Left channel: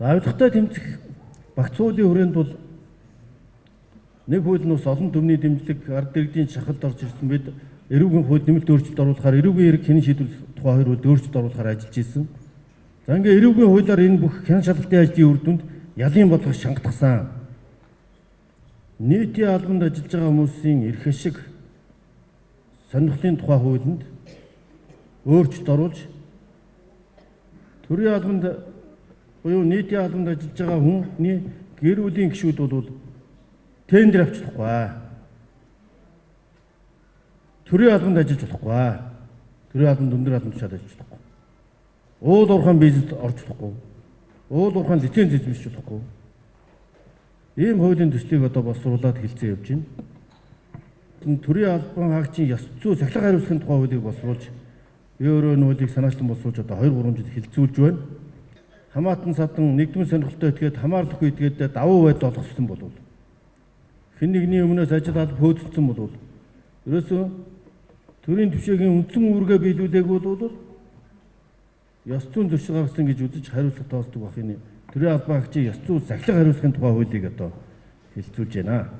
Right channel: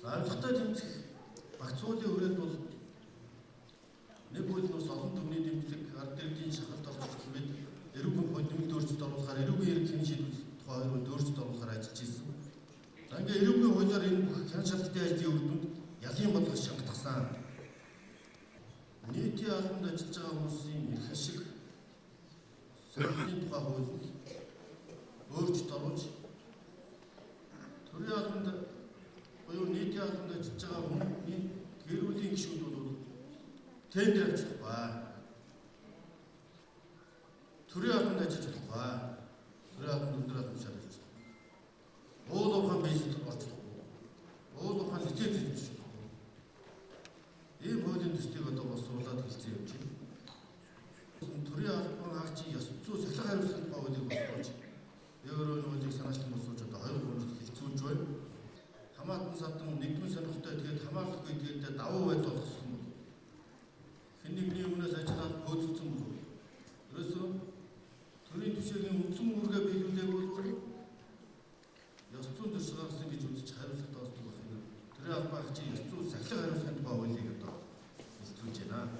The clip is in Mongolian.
За авилгатай тэмцэх багц уулын хүрээнд бол нэг хууль нь бас олон төмний дэмжлэг ард иргэдийн шахалд орж ирсэн бид эрүүгийн хууль нэмэлт өөрчлөлт оруулахаар эрүүгийн эрх хянын шийдвэр тухай хоёр хууль өөрчлөлт оруулахаар ажиллаж ирсэн. За ингээ эрүүгийн хуулиар энэ бүх хян шалгалтын ажлын үр дүнд ялын бодлого шангадсан. Нийтийн албанд ажиллаж байгаа хүмүүсийн эрх ашиг сонирхлын тухай хуулинд өөрчлөлт оруулж төрийн албанд буюу нийтийн албанд ажиллаж байгаа хүний гэр бүлийн гишүүд бол тендер авч болохгүй. Төрийн албанд ажиллаж болохгүй. Төрийн албанд өндөр албан тушаал ажиллаж болохгүй. Уул уурхайн бизнест орж болохгүй. Уул уурхайн лиценз эзэмшиж болохгүй. Ийм хуулийн төслийг одоо боловсруулаад хэлцээ явж байна. Төрийн албан хаагчийн ёс зүй сахилга хариуцлагын тухай хуулийг боловсруулж би өөрөө нүүлийг санаачлан боловсруулж одоо 2-3 жил хэлцүүлж байна. Хамаатан садан нэгдмэл сонирхолтой этгээд хамаарлахгүй этгээд давуу байдал олгосон болов. Хэн нэгний өмнөөс ажил алба хөөцөлдсөн болов. Ерөөсөө төрийн түвшингийн үндсэн үүргээ биелүүлээгүй бол ёс зүйн зөрчил гаргасан гэж үзэж хариуцлага тоосдог бахын төрийн албан хаагчийн ёс зүй сахилга хариуцлагын тухай хуулийг одоо хэлцүүлж байна.